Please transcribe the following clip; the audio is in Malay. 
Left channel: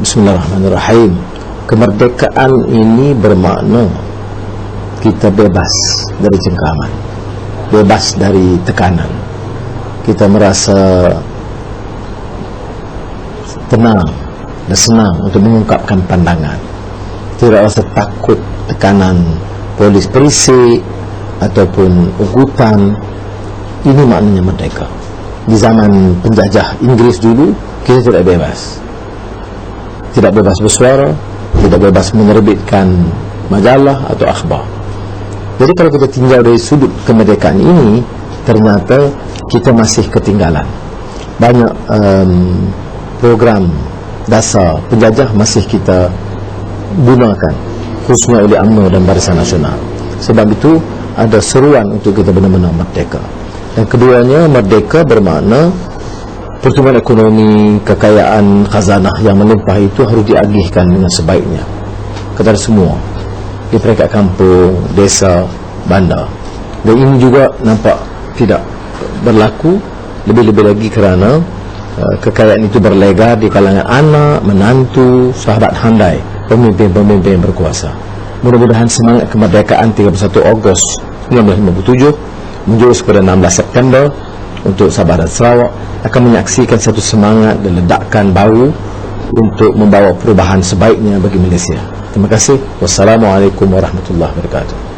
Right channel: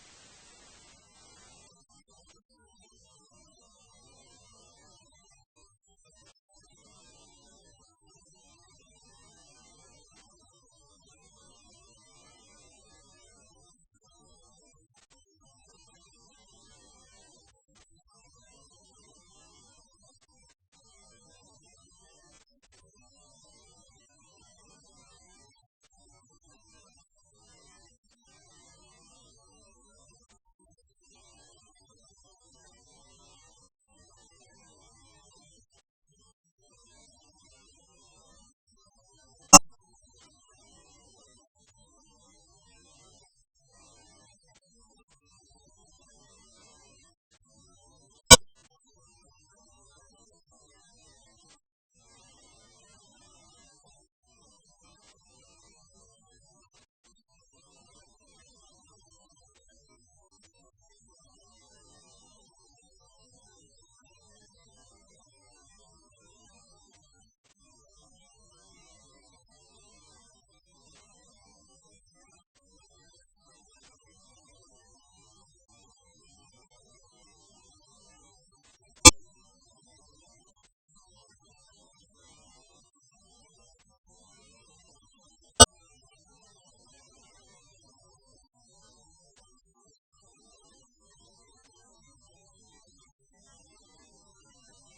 Bismillahirrahmanirrahim. Kemerdekaan ini bermakna kita bebas dari cengkaman, bebas dari tekanan. Kita merasa tenang dan senang untuk mengungkapkan pandangan. Tidak rasa takut tekanan polis perisik ataupun ugutan. Ini maknanya merdeka. Di zaman penjajah Inggris dulu, kita tidak bebas. Tidak bebas bersuara, tidak bebas menerbitkan majalah atau akhbar. Jadi kalau kita tinggal dari sudut kemerdekaan ini, ternyata kita masih ketinggalan. Banyak um, program dasar penjajah masih kita gunakan khususnya oleh UMNO dan Barisan Nasional sebab itu ada seruan untuk kita benar-benar merdeka dan keduanya merdeka bermakna pertumbuhan ekonomi kekayaan khazanah yang melimpah itu harus diagihkan dengan sebaiknya. Kepada semua. Di peringkat kampung, desa, bandar. Dan ini juga nampak tidak berlaku lebih-lebih lagi kerana uh, kekayaan itu berlegar di kalangan anak, menantu, sahabat handai pemimpin-pemimpin yang berkuasa. Mudah-mudahan semangat kemerdekaan 31 Ogos 1957 menjurus kepada 16 September untuk Sabah dan Sarawak akan menyaksikan satu semangat dan ledakan baru untuk membawa perubahan sebaiknya bagi Malaysia. Terima kasih. Wassalamualaikum warahmatullahi wabarakatuh.